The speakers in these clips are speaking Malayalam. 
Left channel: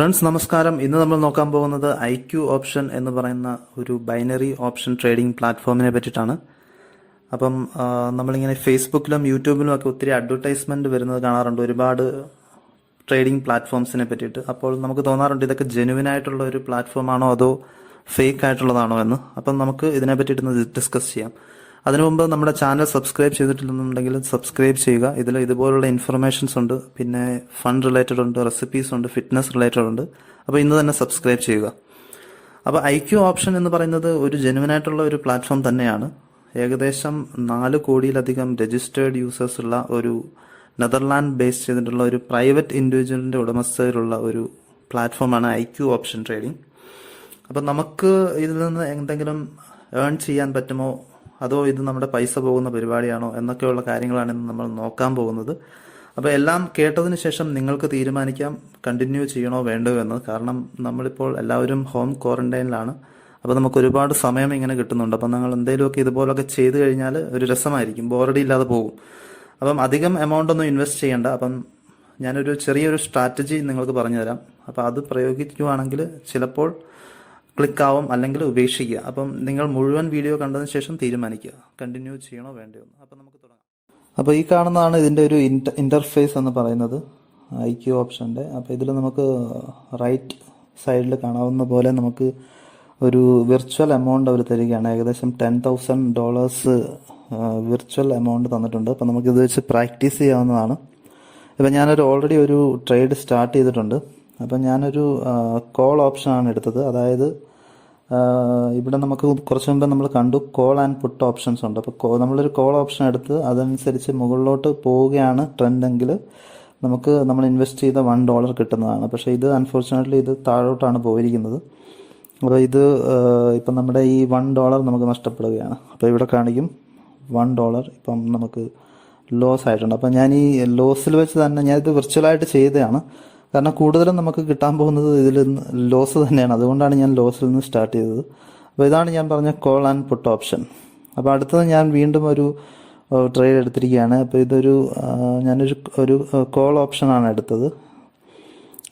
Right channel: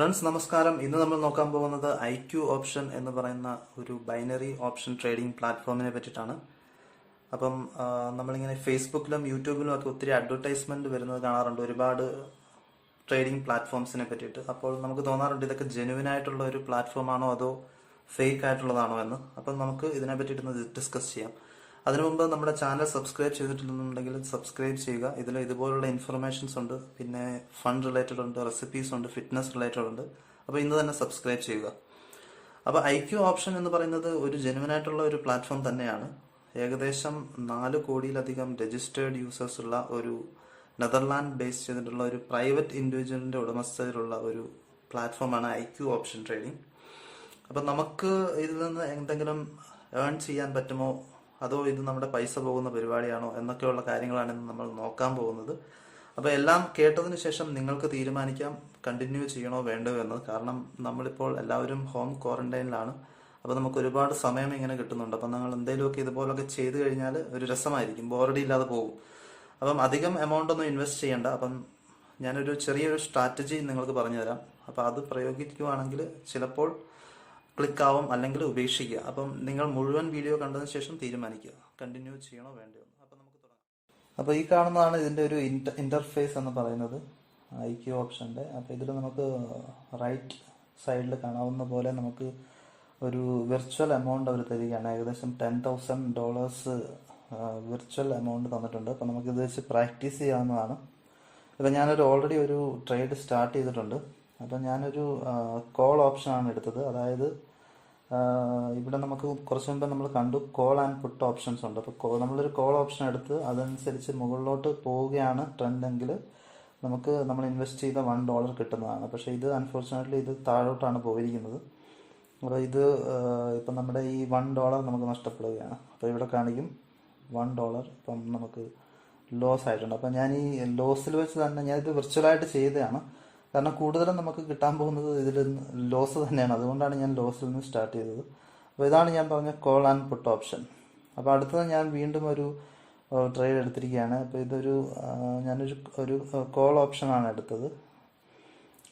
ഫ്രണ്ട്സ് നമസ്കാരം. ഇന്ന് നമ്മൾ നോക്കാൻ പോകുന്നത് ഐക്യു ഓപ്ഷൻ എന്ന് പറയുന്ന ഒരു ബൈനറി ഓപ്ഷൻ ട്രേഡിംഗ് പ്ലാറ്റ്ഫോമിനെ പറ്റിയിട്ടാണ്. അപ്പം നമ്മളിങ്ങനെ ഫേസ്ബുക്കിലും യൂട്യൂബിലും ഒക്കെ ഒത്തിരി അഡ്വർടൈസ്മെന്റ് വരുന്നത് കാണാറുണ്ട്, ഒരുപാട് ട്രേഡിംഗ് പ്ലാറ്റ്ഫോംസിനെ പറ്റിയിട്ട്. അപ്പോൾ നമുക്ക് തോന്നാറുണ്ട് ഇതൊക്കെ ജെനുവിൻ ആയിട്ടുള്ള ഒരു പ്ലാറ്റ്ഫോം ആണോ അതോ ഫേക്ക് ആയിട്ടുള്ളതാണോ എന്ന്. അപ്പം നമുക്ക് ഇതിനെ പറ്റിയിട്ടൊന്ന് ഡിസ്കസ് ചെയ്യാം. അതിനു മുമ്പ് നമ്മുടെ ചാനൽ സബ്സ്ക്രൈബ് ചെയ്തിട്ടില്ലെന്നുണ്ടെങ്കിൽ സബ്സ്ക്രൈബ് ചെയ്യുക. ഇതിൽ ഇതുപോലുള്ള ഇൻഫർമേഷൻസ് ഉണ്ട്, പിന്നെ ഫണ്ട് റിലേറ്റഡ് ഉണ്ട്, റെസിപ്പീസ് ഉണ്ട്, ഫിറ്റ്നസ് റിലേറ്റഡ് ഉണ്ട്. അപ്പോൾ ഇന്ന് തന്നെ സബ്സ്ക്രൈബ് ചെയ്യുക. അപ്പോൾ ഐക്യു ഓപ്ഷൻ എന്ന് പറയുന്നത് ഒരു ജെനുവിൻ ആയിട്ടുള്ള ഒരു പ്ലാറ്റ്ഫോം തന്നെയാണ്. ഏകദേശം 4 കോടിയിലധികം രജിസ്റ്റേർഡ് യൂസേഴ്സ് ഉള്ള ഒരു നെതർലാൻഡ് ബേസ് ചെയ്തിട്ടുള്ള ഒരു പ്രൈവറ്റ് ഇൻഡിവിജ്വലിൻ്റെ ഉടമസ്ഥയിലുള്ള ഒരു പ്ലാറ്റ്ഫോമാണ് ഐക്യു ഓപ്ഷൻ ട്രേഡിംഗ്. അപ്പം നമുക്ക് ഇതിൽ നിന്ന് എന്തെങ്കിലും ഏൺ ചെയ്യാൻ പറ്റുമോ അതോ ഇത് നമ്മുടെ പൈസ പോകുന്ന പരിപാടിയാണോ എന്നൊക്കെയുള്ള കാര്യങ്ങളാണ് ഇന്ന് നമ്മൾ നോക്കാൻ പോകുന്നത്. അപ്പോൾ എല്ലാം കേട്ടതിന് ശേഷം നിങ്ങൾക്ക് തീരുമാനിക്കാം കണ്ടിന്യൂ ചെയ്യണോ വേണ്ടോ എന്ന്. കാരണം നമ്മളിപ്പോൾ എല്ലാവരും ഹോം ക്വാറന്റൈനിലാണ്. അപ്പോൾ നമുക്ക് ഒരുപാട് സമയം ഇങ്ങനെ കിട്ടുന്നുണ്ട്. അപ്പം നിങ്ങൾ എന്തെങ്കിലുമൊക്കെ ഇതുപോലൊക്കെ ചെയ്തു കഴിഞ്ഞാൽ ഒരു രസമായിരിക്കും, ബോറടി ഇല്ലാതെ പോകും. അപ്പം അധികം എമൗണ്ട് ഒന്നും ഇൻവെസ്റ്റ് ചെയ്യേണ്ട. അപ്പം ഞാനൊരു ചെറിയൊരു സ്ട്രാറ്റജി നിങ്ങൾക്ക് പറഞ്ഞുതരാം. അപ്പോൾ അത് പ്രയോഗിക്കുകയാണെങ്കിൽ ചിലപ്പോൾ ക്ലിക്കാവും, അല്ലെങ്കിൽ ഉപേക്ഷിക്കുക. അപ്പം നിങ്ങൾ മുഴുവൻ വീഡിയോ കണ്ടതിന് ശേഷം തീരുമാനിക്കുക കണ്ടിന്യൂ ചെയ്യണോ വേണ്ടയോ എന്ന്. അപ്പം നമുക്ക് തുടങ്ങാം. അപ്പോൾ ഈ കാണുന്നതാണ് ഇതിൻ്റെ ഒരു ഇൻ്റർഫേസ് എന്ന് പറയുന്നത് ഐക്യു ഓപ്ഷൻ്റെ. അപ്പോൾ ഇതിൽ നമുക്ക് റൈറ്റ് സൈഡിൽ കാണാവുന്ന പോലെ നമുക്ക് ഒരു വിർച്വൽ എമൗണ്ട് അവർ തരികയാണ്. ഏകദേശം $10,000 വിർച്വൽ എമൗണ്ട് തന്നിട്ടുണ്ട്. അപ്പോൾ നമുക്കിത് വെച്ച് പ്രാക്ടീസ് ചെയ്യാവുന്നതാണ്. ഇപ്പം ഞാനൊരു ഓൾറെഡി ഒരു ട്രേഡ് സ്റ്റാർട്ട് ചെയ്തിട്ടുണ്ട്. അപ്പം ഞാനൊരു കോൾ ഓപ്ഷനാണ് എടുത്തത്. അതായത് ഇവിടെ നമുക്ക് കുറച്ച് മുമ്പ് നമ്മൾ കണ്ടു കോൾ ആൻഡ് പുട്ട് ഓപ്ഷൻസ് ഉണ്ട്. അപ്പോൾ നമ്മളൊരു കോൾ ഓപ്ഷൻ എടുത്ത് അതനുസരിച്ച് മുകളിലോട്ട് പോവുകയാണ് ട്രെൻഡെങ്കിൽ നമുക്ക് നമ്മൾ ഇൻവെസ്റ്റ് ചെയ്ത $1 കിട്ടുന്നതാണ്. പക്ഷേ ഇത് അൺഫോർച്ചുനേറ്റ്ലി ഇത് താഴോട്ടാണ് പോയിരിക്കുന്നത്. അപ്പോൾ ഇത് ഇപ്പം നമ്മുടെ ഈ $1 നമുക്ക് നഷ്ടപ്പെടുകയാണ്. അപ്പോൾ ഇവിടെ കാണിക്കും $1 ഇപ്പം നമുക്ക് ലോസ് ആയിട്ടുണ്ട്. അപ്പം ഞാൻ ഈ ലോസിൽ വെച്ച് തന്നെ ഞാനിത് വിർച്വലായിട്ട് ചെയ്തതാണ്. കാരണം കൂടുതലും നമുക്ക് കിട്ടാൻ പോകുന്നത് ഇതിൽ ലോസ് തന്നെയാണ്. അതുകൊണ്ടാണ് ഞാൻ ലോസിൽ നിന്ന് സ്റ്റാർട്ട് ചെയ്തത്. അപ്പോൾ ഇതാണ് ഞാൻ പറഞ്ഞ കോൾ ആൻഡ് പുട്ട് ഓപ്ഷൻ. അപ്പോൾ അടുത്തത് ഞാൻ വീണ്ടും ഒരു ട്രേഡ് എടുത്തിരിക്കുകയാണ്. അപ്പോൾ ഇതൊരു ഞാനൊരു കോൾ ഓപ്ഷനാണ് എടുത്തത്.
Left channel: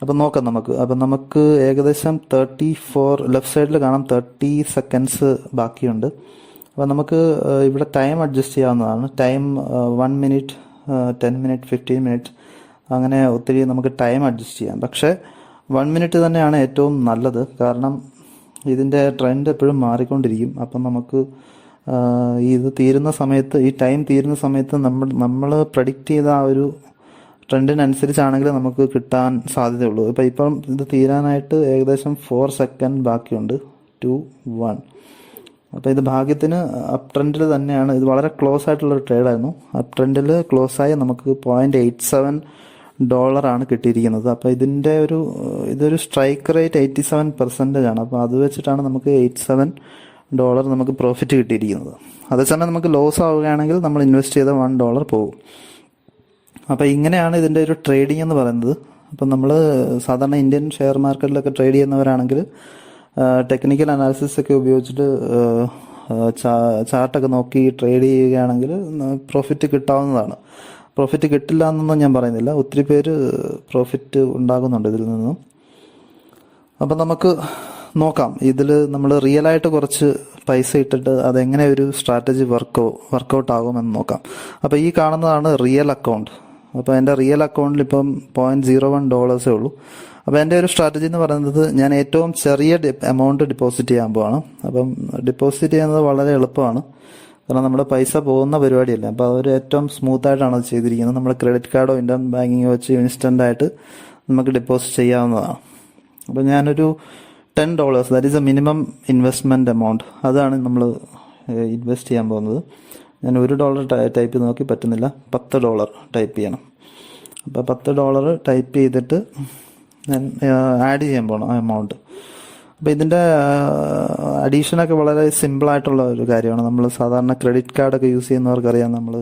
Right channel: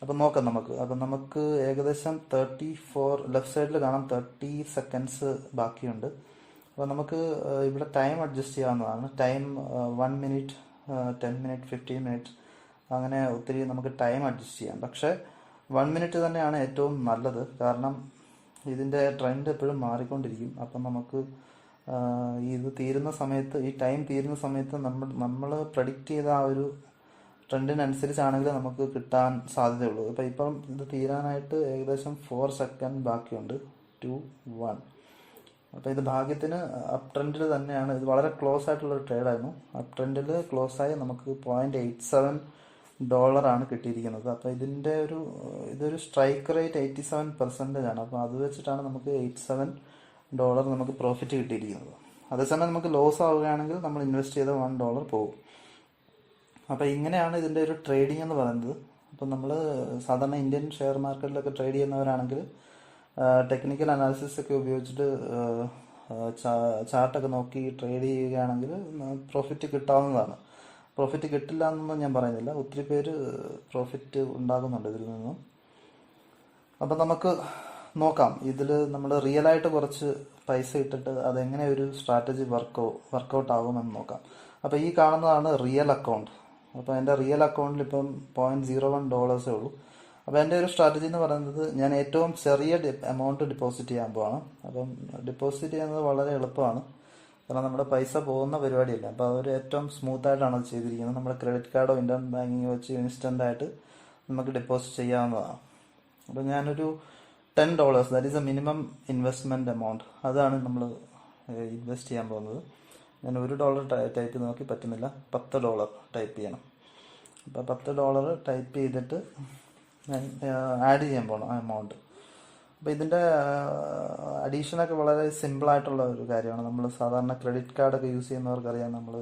അപ്പം നോക്കാം നമുക്ക്. അപ്പം നമുക്ക് ഏകദേശം 34 ലെഫ്റ്റ് സൈഡിൽ കാണാം 30 സെക്കൻഡ്സ് ബാക്കിയുണ്ട്. അപ്പോൾ നമുക്ക് ഇവിടെ ടൈം അഡ്ജസ്റ്റ് ചെയ്യാവുന്നതാണ്. ടൈം 1 മിനിറ്റ്, 10 മിനിറ്റ്, 15 മിനിറ്റ്, അങ്ങനെ ഒത്തിരി നമുക്ക് ടൈം അഡ്ജസ്റ്റ് ചെയ്യാം. പക്ഷേ 1 മിനിറ്റ് തന്നെയാണ് ഏറ്റവും നല്ലത്. കാരണം ഇതിൻ്റെ ട്രെൻഡ് എപ്പോഴും മാറിക്കൊണ്ടിരിക്കും. അപ്പം നമുക്ക് ഇത് തീരുന്ന സമയത്ത്, ഈ ടൈം തീരുന്ന സമയത്ത് നമ്മൾ പ്രഡിക്റ്റ് ചെയ്ത ആ ഒരു ട്രെൻഡിനനുസരിച്ചാണെങ്കിൽ നമുക്ക് കിട്ടാൻ സാധ്യതയുള്ളൂ. ഇപ്പം ഇത് തീരാനായിട്ട് ഏകദേശം 4 സെക്കൻഡ് ബാക്കിയുണ്ട്. 2, 1. അപ്പോൾ ഇത് ഭാഗ്യത്തിന് അപ് ട്രെൻഡിൽ തന്നെയാണ്. ഇത് വളരെ ക്ലോസ് ആയിട്ടുള്ളൊരു ട്രേഡായിരുന്നു. അപ് ട്രെൻഡിൽ ക്ലോസായി നമുക്ക് $0.87 ആണ് കിട്ടിയിരിക്കുന്നത്. അപ്പോൾ ഇതൊരു സ്ട്രൈക്ക് റേറ്റ് 87% ആണ്. അപ്പോൾ അത് വെച്ചിട്ടാണ് നമുക്ക് $87 നമുക്ക് പ്രോഫിറ്റ് കിട്ടിയിരിക്കുന്നത്. അതേസമയം നമുക്ക് ലോസ് ആവുകയാണെങ്കിൽ നമ്മൾ ഇൻവെസ്റ്റ് ചെയ്ത $1 പോകും. അപ്പോൾ ഇങ്ങനെയാണ് ഇതിൻ്റെ ഒരു ട്രേഡിംഗ് എന്ന് പറയുന്നത്. അപ്പം നമ്മൾ സാധാരണ ഇന്ത്യൻ ഷെയർ മാർക്കറ്റിലൊക്കെ ട്രേഡ് ചെയ്യുന്നവരാണെങ്കിൽ ടെക്നിക്കൽ അനാലിസിസ് ഒക്കെ ഉപയോഗിച്ചിട്ട് ചാർട്ടൊക്കെ നോക്കി ട്രേഡ് ചെയ്യുകയാണെങ്കിൽ പ്രോഫിറ്റ് കിട്ടാവുന്നതാണ്. പ്രോഫിറ്റ് കിട്ടില്ല എന്നൊന്നും ഞാൻ പറയുന്നില്ല. ഒത്തിരി പേര് പ്രോഫിറ്റ് ഉണ്ടാകുന്നുണ്ട് ഇതിൽ നിന്നും. അപ്പം നമുക്ക് നോക്കാം. ഇതിൽ നമ്മൾ റിയലായിട്ട് കുറച്ച് പൈസ ഇട്ടിട്ട് അതെങ്ങനെ ഒരു സ്ട്രാറ്റജി വർക്കൗട്ട് ആകുമെന്ന് നോക്കാം. അപ്പോൾ ഈ കാണുന്നതാണ് റിയൽ അക്കൗണ്ട്. അപ്പോൾ എൻ്റെ റിയൽ അക്കൗണ്ടിൽ ഇപ്പം $0.01 ഉള്ളൂ. അപ്പോൾ എൻ്റെ ഒരു സ്ട്രാറ്റജി എന്ന് പറയുന്നത് ഞാൻ ഏറ്റവും ചെറിയ എമൗണ്ട് ഡെപ്പോസിറ്റ് ചെയ്യാൻ പോവാണ്. അപ്പം ഡെപ്പോസിറ്റ് ചെയ്യുന്നത് വളരെ എളുപ്പമാണ്. കാരണം നമ്മുടെ പൈസ പോകുന്ന പരിപാടിയല്ല. അപ്പോൾ അതൊരു ഏറ്റവും സ്മൂത്തായിട്ടാണ് അത് ചെയ്തിരിക്കുന്നത്. നമ്മൾ ക്രെഡിറ്റ് കാർഡോ ഇൻ്റർനെറ്റ് ബാങ്കിങ്ങോ വെച്ച് ഇൻസ്റ്റൻ്റായിട്ട് നമുക്ക് ഡെപ്പോസിറ്റ് ചെയ്യാവുന്നതാണ്. അപ്പോൾ ഞാനൊരു $10, that is A minimum investment amount, അതാണ് നമ്മൾ ഇൻവെസ്റ്റ് ചെയ്യാൻ പോകുന്നത്. ഞാൻ $1 ടൈപ്പ് ചെയ്ത് നോക്കി, പറ്റുന്നില്ല. $10 ടൈപ്പ് ചെയ്യണം. അപ്പോൾ $10 ടൈപ്പ് ചെയ്തിട്ട് ഞാൻ ആഡ് ചെയ്യാൻ പോകണം ആ എമൗണ്ട്. അപ്പോൾ ഇതിൻ്റെ അഡീഷനൊക്കെ വളരെ സിമ്പിളായിട്ടുള്ള ഒരു കാര്യമാണ്. നമ്മൾ സാധാരണ ക്രെഡിറ്റ് കാർഡൊക്കെ യൂസ് ചെയ്യുന്നവർക്കറിയാം, നമ്മൾ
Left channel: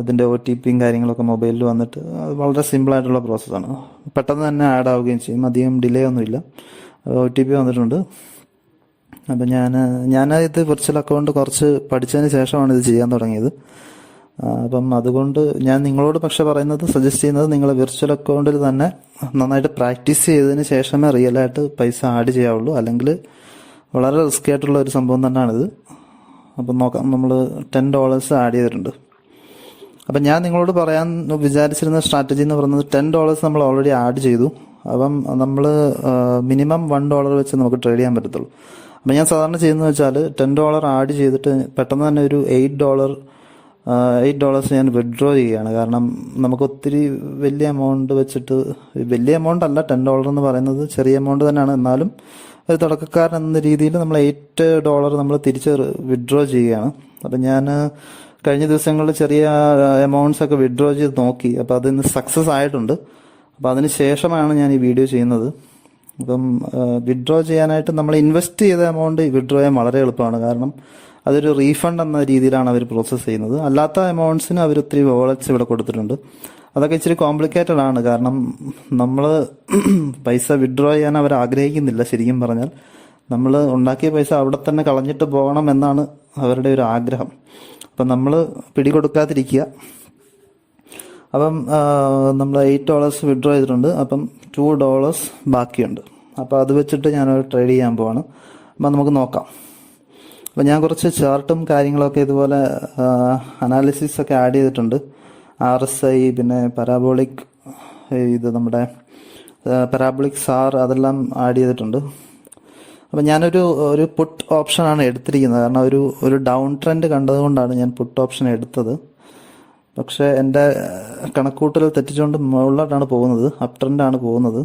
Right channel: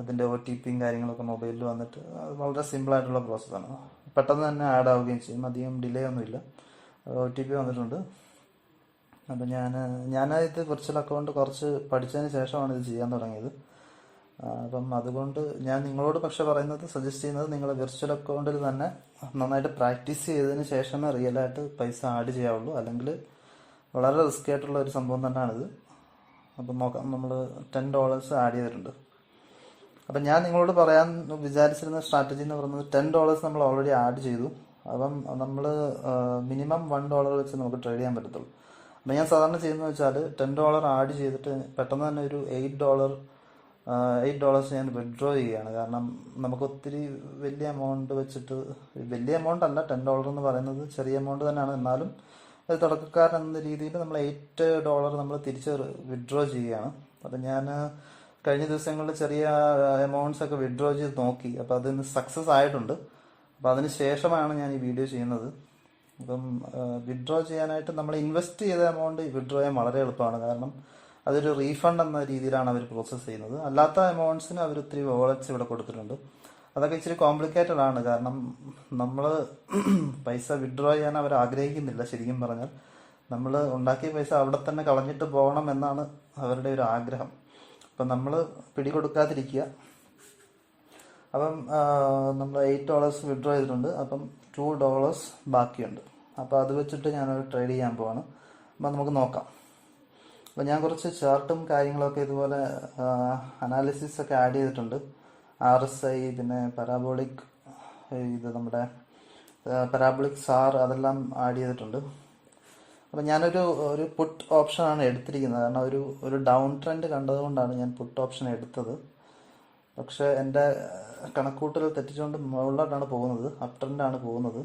അതിൻ്റെ OTPയും കാര്യങ്ങളൊക്കെ മൊബൈലിൽ വന്നിട്ട് അത് വളരെ സിമ്പിളായിട്ടുള്ള പ്രോസസ്സാണ്. പെട്ടെന്ന് തന്നെ ആഡ് ആവുകയും ചെയ്യും, അധികം ഡിലേ ഒന്നുമില്ല. OTP വന്നിട്ടുണ്ട്. അപ്പം ഞാൻ ഇത് വിർച്വൽ അക്കൗണ്ട് കുറച്ച് പഠിച്ചതിന് ശേഷമാണ് ഇത് ചെയ്യാൻ തുടങ്ങിയത്. അപ്പം അതുകൊണ്ട് ഞാൻ നിങ്ങളോട് പക്ഷെ സജസ്റ്റ് ചെയ്യുന്നത് നിങ്ങൾ വിർച്വൽ അക്കൗണ്ടിൽ തന്നെ നന്നായിട്ട് പ്രാക്ടീസ് ചെയ്തതിന് ശേഷമേ റിയലായിട്ട് പൈസ ആഡ് ചെയ്യാവുള്ളൂ. അല്ലെങ്കിൽ വളരെ റിസ്കി ആയിട്ടുള്ള ഒരു സംഭവം തന്നെയാണിത്. അപ്പം നോക്കാം, നമ്മൾ $10 ആഡ് ചെയ്തിട്ടുണ്ട്. അപ്പം ഞാൻ നിങ്ങളോട് പറയാൻ വിചാരിച്ചിരുന്ന സ്ട്രാറ്റജി എന്ന് പറയുന്നത് $10 നമ്മൾ ഓൾറെഡി ആഡ് ചെയ്തു. അപ്പം നമ്മൾ മിനിമം $1 വെച്ച് നമുക്ക് ട്രേഡ് ചെയ്യാൻ പറ്റത്തുള്ളൂ. അപ്പം ഞാൻ സാധാരണ ചെയ്യുന്നത് വെച്ചാൽ $10 ആഡ് ചെയ്തിട്ട് പെട്ടെന്ന് തന്നെ ഒരു $8 ഞാൻ വിഡ്രോ ചെയ്യുകയാണ്. കാരണം നമുക്ക് ഒത്തിരി വലിയ എമൗണ്ട് വെച്ചിട്ട്, വലിയ എമൗണ്ട് അല്ല, $10 എന്ന് പറയുന്നത് ചെറിയ എമൗണ്ട് തന്നെയാണ്. എന്നാലും ഒരു തുടക്കക്കാരൻ എന്ന രീതിയിൽ നമ്മൾ $8 നമ്മൾ തിരിച്ച് വിഡ്രോ ചെയ്യുകയാണ്. അപ്പം ഞാൻ കഴിഞ്ഞ ദിവസങ്ങളിൽ ചെറിയ എമൗണ്ട്സ് ഒക്കെ വിഡ്രോ ചെയ്ത് നോക്കി. അപ്പോൾ അതിന് സക്സസ് ആയിട്ടുണ്ട്. അപ്പോൾ അതിന് ശേഷമാണ് ഞാൻ ഈ വീഡിയോ ചെയ്യുന്നത്. അപ്പം വിഡ്രോ ചെയ്യാനായിട്ട് നമ്മൾ ഇൻവെസ്റ്റ് ചെയ്ത എമൗണ്ട് വിഡ്രോ ചെയ്യാൻ വളരെ എളുപ്പമാണ്. കാരണം അതൊരു റീഫണ്ട് എന്ന രീതിയിലാണ് അവർ പ്രോസസ്സ് ചെയ്യുന്നത്. അല്ലാത്ത എമൗണ്ട്സിന് അവർ ഒത്തിരി വാളറ്റ്സ് ഇവിടെ കൊടുത്തിട്ടുണ്ട്. അതൊക്കെ ഇച്ചിരി കോംപ്ലിക്കേറ്റഡ് ആണ്. കാരണം നമ്മൾ പൈസ വിഡ്രോ ചെയ്യാൻ അവർ ആഗ്രഹിക്കുന്നില്ല. ശരിക്കും പറഞ്ഞാൽ നമ്മൾ ഉണ്ടാക്കിയ പൈസ അവിടെ തന്നെ കളഞ്ഞിട്ട് പോകണം എന്നാണ് അവരുടെ ഒരു ആഗ്രഹം. അപ്പം നമ്മൾ പിടികൊടുക്കാതിരിക്കുക. അപ്പം നമ്മൾ $8 വിഡ്രോ ചെയ്തിട്ടുണ്ട്. അപ്പം $2 ബാക്കിയുണ്ട്. അപ്പോൾ അത് വെച്ചിട്ട് ഞാനൊരു ട്രേഡ് ചെയ്യാൻ പോവാണ്. അപ്പം നമുക്ക് നോക്കാം. അപ്പം ഞാൻ കുറച്ച് ചാർട്ടും കാര്യങ്ങളൊക്കെ ഇതുപോലെ അനാലിസിസ് ഒക്കെ ആഡ് ചെയ്തിട്ടുണ്ട്. RSI, പിന്നെ പരാബോളിക്, ഇത് നമ്മുടെ പരാബോളിക് സാർ, അതെല്ലാം ആഡ് ചെയ്തിട്ടുണ്ട്. അപ്പം ഞാനൊരു പുട്ട് ഓപ്ഷനാണ് എടുത്തിരിക്കുന്നത്. കാരണം ഒരു ഡൗൺ ട്രെൻഡ് കണ്ടതുകൊണ്ടാണ് ഞാൻ പുട്ട് ഓപ്ഷൻ എടുത്തത്. പക്ഷേ എൻ്റെ കണക്കൂട്ടൽ തെറ്റിച്ചുകൊണ്ട് മുകളിലോട്ടാണ് പോകുന്നത്, അപ് ട്രെൻഡാണ് പോകുന്നത്.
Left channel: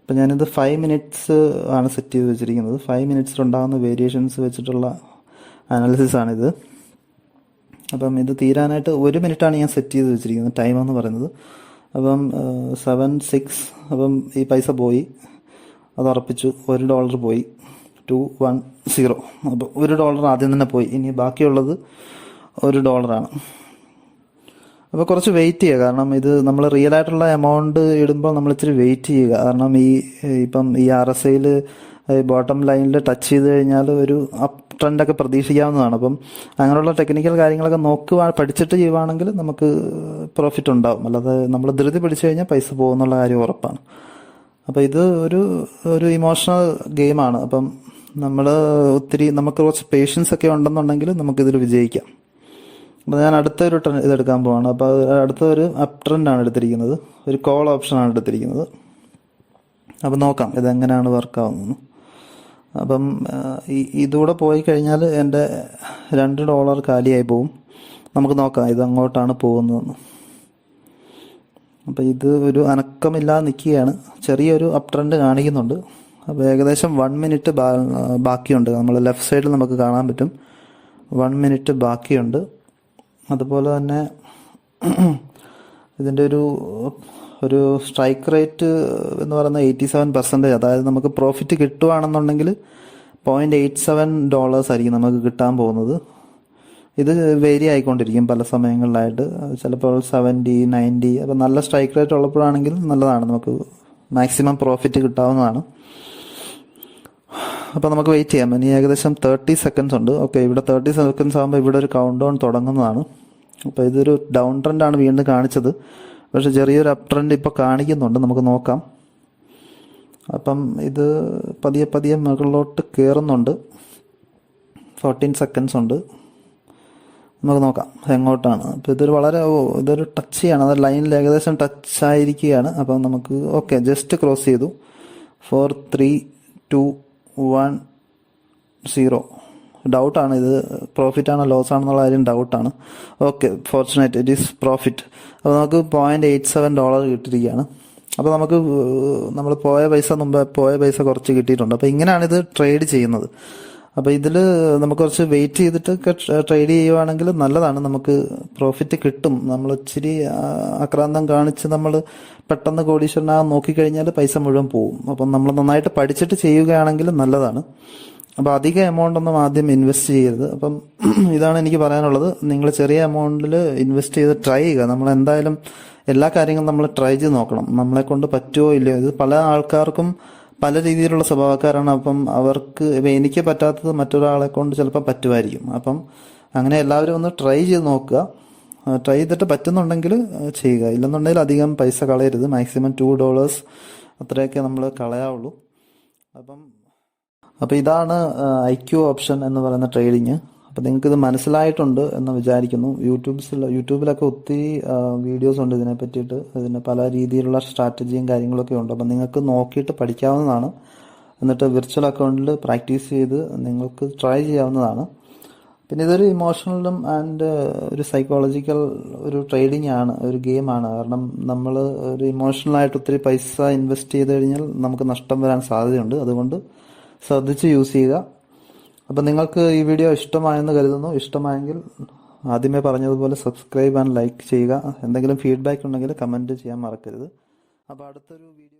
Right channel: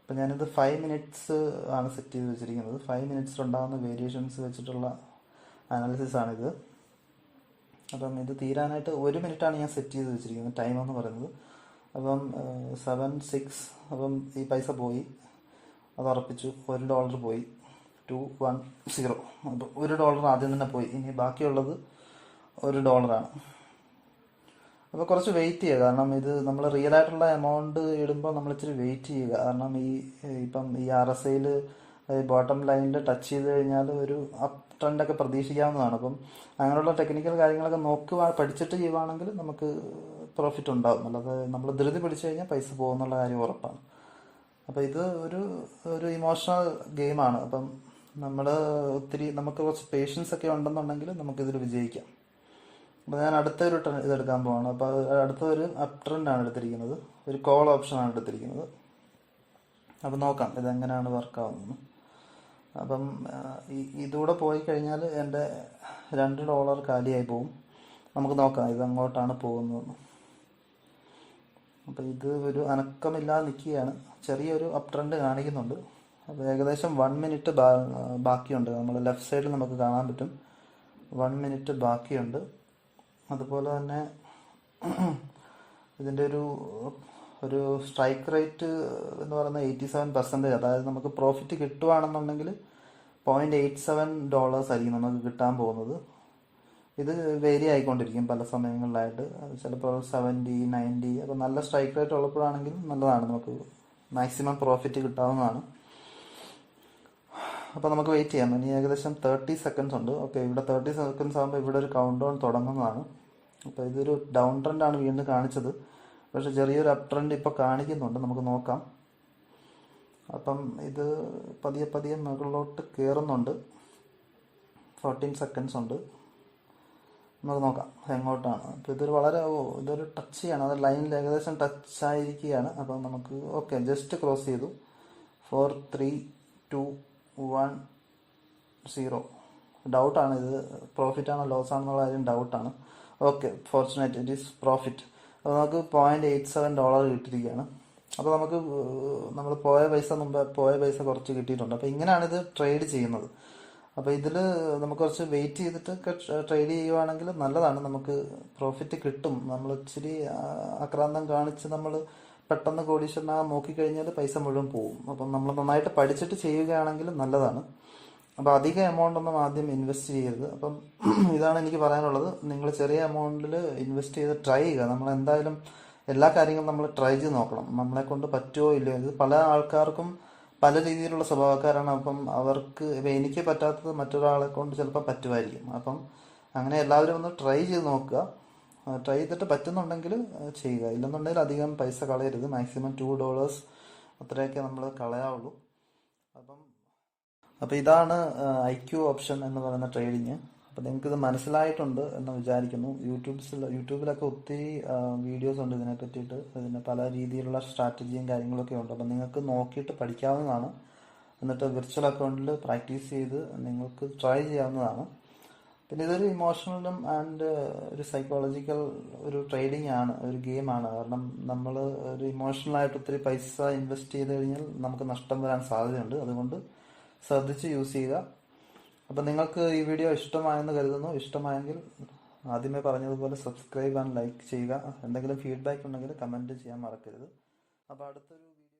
അപ്പം ഞാനിത് 5 മിനിറ്റ്സ് ആണ് സെറ്റ് ചെയ്ത് വെച്ചിരിക്കുന്നത്. 5 മിനിറ്റ്സിലുണ്ടാകുന്ന വേരിയേഷൻസ് വെച്ചിട്ടുള്ള അനാലിസിസ് ആണിത്. അപ്പം ഇത് തീരാനായിട്ട് 1 മിനിറ്റാണ് ഞാൻ സെറ്റ് ചെയ്ത് വെച്ചിരിക്കുന്നത്, ടൈം എന്ന് പറയുന്നത്. അപ്പം 7:06. അപ്പം ഈ പൈസ പോയി, അത് ഉറപ്പിച്ചു. $1 പോയി, 210. അപ്പോൾ $1 ആദ്യം തന്നെ പോയി. ഇനി ബാക്കിയുള്ളത് $1 അപ്പോൾ കുറച്ച് വെയിറ്റ് ചെയ്യുക. കാരണം ഇത് നമ്മൾ റിയൽ ആയിട്ടുള്ള എമൗണ്ട് ഇടുമ്പോൾ നമ്മൾ ഇച്ചിരി വെയിറ്റ് ചെയ്യുക. കാരണം ഇപ്പം ഈ RSIയിൽ ബോട്ടം ലൈനിൽ ടച്ച് ചെയ്ത് കഴിഞ്ഞാൽ ഒരു അപ്പ് ട്രെൻഡൊക്കെ പ്രതീക്ഷിക്കാവുന്നതാണ്. അപ്പം അങ്ങനെയുള്ള ടെക്നിക്കൽ കാര്യങ്ങളൊക്കെ പഠിച്ചിട്ട് ചെയ്യുവാണെങ്കിൽ നമുക്ക് പ്രോഫിറ്റ് ഉണ്ടാവും. അല്ലാതെ നമ്മൾ ധൃതി പിടിച്ചു കഴിഞ്ഞാൽ പൈസ പോകുന്നുള്ള കാര്യം ഉറപ്പാണ്. അപ്പോൾ ഇത് ഒരു ഇമോഷണൽ ഗെയിമാണ്. അപ്പം നമുക്ക് കുറച്ച് പേഷ്യൻസ് ഒക്കെ ഉണ്ടെന്നുണ്ടെങ്കിൽ നമുക്കിതിൽ വിജയിക്കാം. അപ്പോൾ ഞാൻ അടുത്തൊരു ഇതെടുക്കാൻ പോവാണ്. അപ്പോൾ അടുത്തൊരു അപ് ട്രെൻഡാണ് എടുത്തിരിക്കുന്നത്, ഒരു കോൾ ഓപ്ഷനാണ് എടുത്തിരിക്കുന്നത്. അപ്പം നോക്കാം ഇതെങ്ങനെയാണ് വർക്കാവുന്നത്. അപ്പം ഇതുകൂടെ പോയി കഴിഞ്ഞാൽ എൻ്റെ $2 കാലിയായി പോകും. നമുക്ക് നോക്കാം ഇത് അങ്ങോട്ടാണ് പോകുന്നതെന്ന്. അപ്പോൾ ഇത് ഒരു അനക്കമില്ലാതെ നിൽക്കുകയാണ്. ചെറിയൊരു അപ് ട്രെൻഡ് കാണിക്കുന്നുണ്ട്. അപ്പോൾ ഏകദേശം 1 മിനിറ്റ് ബാക്കിയുണ്ട്. നമ്മൾ ലെഫ്റ്റ് സൈഡിൽ നമുക്ക് കാണാൻ പറ്റും 1 മിനിറ്റ് ബാക്കിയുണ്ട്. അതുപോലെ തന്നെ ഇതിൻ്റെ ഒരു സ്ട്രൈക്ക് റേറ്റ് എന്ന് പറയുന്നത് 87%. അതായത് നമുക്ക് പ്രോഫിറ്റ് കിട്ടുകയാണെന്നുണ്ടെങ്കിൽ $0.87 ആയിരിക്കും നമുക്ക് കിട്ടാൻ പോകുന്നത്. ഇത് വേരി ആയിക്കൊണ്ടിരിക്കും പല സമയങ്ങളിലായിട്ട്. ചിലപ്പോൾ 70, 90. അപ്പോൾ നല്ല സ്ട്രൈക്ക് റേറ്റ് ഉള്ളപ്പോഴാണെങ്കിൽ നല്ലതാണ്, നമുക്ക് മാക്സിമം പ്രോഫിറ്റ് കിട്ടാവുന്നതാണ്. അപ്പോൾ നമുക്ക് വെയിറ്റ് ചെയ്യാം. ഇനി ഏകദേശം 30 സെക്കൻഡ്സ് ഉണ്ട്. ഓക്കെ, ഇവിടെ 30 സെക്കൻഡ്സ് ആകുമ്പോൾ ഇവിടെ ഒരു കൗണ്ട് ഡൗൺ തുടങ്ങുന്നതാണ്. അപ്പോൾ ഇതൊരു ഡൗൺ ട്രെൻഡാണ് വീണ്ടും കാണിച്ചത്. പക്ഷേ ചെറിയൊരു അപ് ട്രെൻഡ് ഇപ്പോൾ കാണിക്കുന്നുണ്ട്, നമുക്ക് നോക്കാം. അപ്പം ഇത് പതിയെ മുകളിലോട്ട് കയറുന്നുണ്ട്. 14 സെക്കൻഡ്സ് ഉണ്ട്, നമുക്ക് നോക്കാം എങ്ങോട്ടാണ്. അപ്പോൾ ഇതൊരു ടച്ച് ചെയ്യാണ്, അത് ലൈനിൽ ഏകദേശം ടച്ച് ആയിരിക്കുകയാണ്. അപ്പം നമുക്ക് ഓക്കെ, ജസ്റ്റ് ക്രോസ് ചെയ്തു. 4, 3, 2, 1, 0. ഡൗട്ടാണ് ഇത് പ്രോഫിറ്റ് ആണോ ലോസ് ആണെന്നുള്ള കാര്യം ഡൗട്ടാണ്. Okay, fortunate it is profit. അപ്പോൾ നമുക്ക് $0.87 കിട്ടിയിരിക്കുകയാണ്. അപ്പോൾ നമ്മൾ പോയ പൈസ കുറച്ച് കിട്ടിയിട്ടുണ്ട്. അപ്പോൾ ഇങ്ങനെയാണ് ഇത് ട്രേഡ് ചെയ്യുന്നത്. അപ്പോൾ ഇതിൽ നമുക്ക് കുറച്ച് വെയിറ്റ് ചെയ്തിട്ടൊക്കെ ട്രേഡ് ചെയ്യുവാണെങ്കിൽ നല്ലതാണ്, നമുക്ക് പ്രോഫിറ്റ് കിട്ടും. നമ്മൾ ഇച്ചിരി ആക്രാന്തം കാണിച്ച് നമ്മൾ പെട്ടെന്ന് കോടീശ്വരനാകാൻ നോക്കിക്കഴിഞ്ഞാൽ പൈസ മുഴുവൻ പോകും. അപ്പം നമ്മൾ നന്നായിട്ട് പഠിച്ചിട്ട് ചെയ്യുകയാണെങ്കിൽ നല്ലതാണ്. അപ്പോൾ അധിക എമൗണ്ട് ഒന്നും ആദ്യം ഇൻവെസ്റ്റ് ചെയ്യരുത്. അപ്പം ഇതാണ് എനിക്ക് പറയാനുള്ളത്. നിങ്ങൾ ചെറിയ എമൗണ്ടിൽ ഇൻവെസ്റ്റ് ചെയ്ത് ട്രൈ ചെയ്യുക. നമ്മൾ എന്തായാലും എല്ലാ കാര്യങ്ങളും നമ്മൾ ട്രൈ ചെയ്ത് നോക്കണം, നമ്മളെ കൊണ്ട് പറ്റുമോ ഇല്ലയോ. ഇത് പല ആൾക്കാർക്കും പല രീതിയിലുള്ള സ്വഭാവക്കാരാണ്. അപ്പം എനിക്ക് പറ്റാത്തത് മറ്റൊരാളെ കൊണ്ട് ചിലപ്പോൾ പറ്റുമായിരിക്കും. അപ്പം അങ്ങനെ എല്ലാവരും ഒന്ന് ട്രൈ ചെയ്ത് നോക്കുക. ട്രൈ ചെയ്തിട്ട് പറ്റുന്നുണ്ടെങ്കിൽ ചെയ്യുക, ഇല്ലെന്നുണ്ടെങ്കിൽ അധികം പൈസ കളയരുത്. മാക്സിമം $2 അത്രയൊക്കെ നമ്മൾ കളയാവുള്ളൂ. അപ്പം ഇതാണ് IQ ഓപ്ഷൻ എന്ന് പറയുന്ന ട്രേഡിങ്. അപ്പം നിങ്ങൾക്കിത് മനസ്സിലായിട്ടുണ്ട് എന്ന് വിചാരിക്കുന്നു. യൂട്യൂബിലൊക്കെ ഒത്തിരി വീഡിയോസ് ഉണ്ട് ഇതിനെ പറ്റിയിട്ട്. ഇതിന് പല രീതിയിലുള്ള സ്ട്രാറ്റജിയും കാര്യങ്ങളൊക്കെ ഉണ്ട്. അപ്പം നിങ്ങൾക്ക് നോക്കിയിട്ട് പഠിക്കാവുന്നതാണ്. എന്നിട്ട് വിർച്വൽ അക്കൗണ്ടിൽ പ്രാക്ടീസ് ചെയ്ത് നിങ്ങൾക്ക് ട്രൈ ചെയ്യാവുന്നതാണ്. പിന്നെ ഇതൊരു ഇമോഷണലും ആൻഡ് ഒരു സൈക്കോളജിക്കൽ ഒരു ട്രേഡിംഗ് ആണ്, ഒരു ഗെയിമാണ്. കാരണം നമ്മൾ ഒരു ഇമോഷണലായിട്ട് ഒത്തിരി പൈസ ഇൻവെസ്റ്റ് ചെയ്ത് കഴിഞ്ഞാൽ നമുക്ക് നഷ്ടം വരാൻ സാധ്യതയുണ്ട്. അതുകൊണ്ട് ശ്രദ്ധിച്ച് യൂസ് ചെയ്യുക. അപ്പം നിങ്ങൾക്ക് ഈ വീഡിയോ ഇഷ്ടമായെന്ന് കരുതുന്നു. ഇഷ്ടമായെങ്കിൽ ആദ്യമേ പറഞ്ഞതുപോലെ സബ്സ്ക്രൈബ് ആൻഡ് ലൈക്ക് ചെയ്യുക. എന്തെങ്കിലും ഫീഡ്ബാക്ക് ഉണ്ടെങ്കിൽ കമൻറ്റ് ചെയ്യാൻ മറക്കരുത്. അപ്പോൾ അടുത്തൊരു വീഡിയോ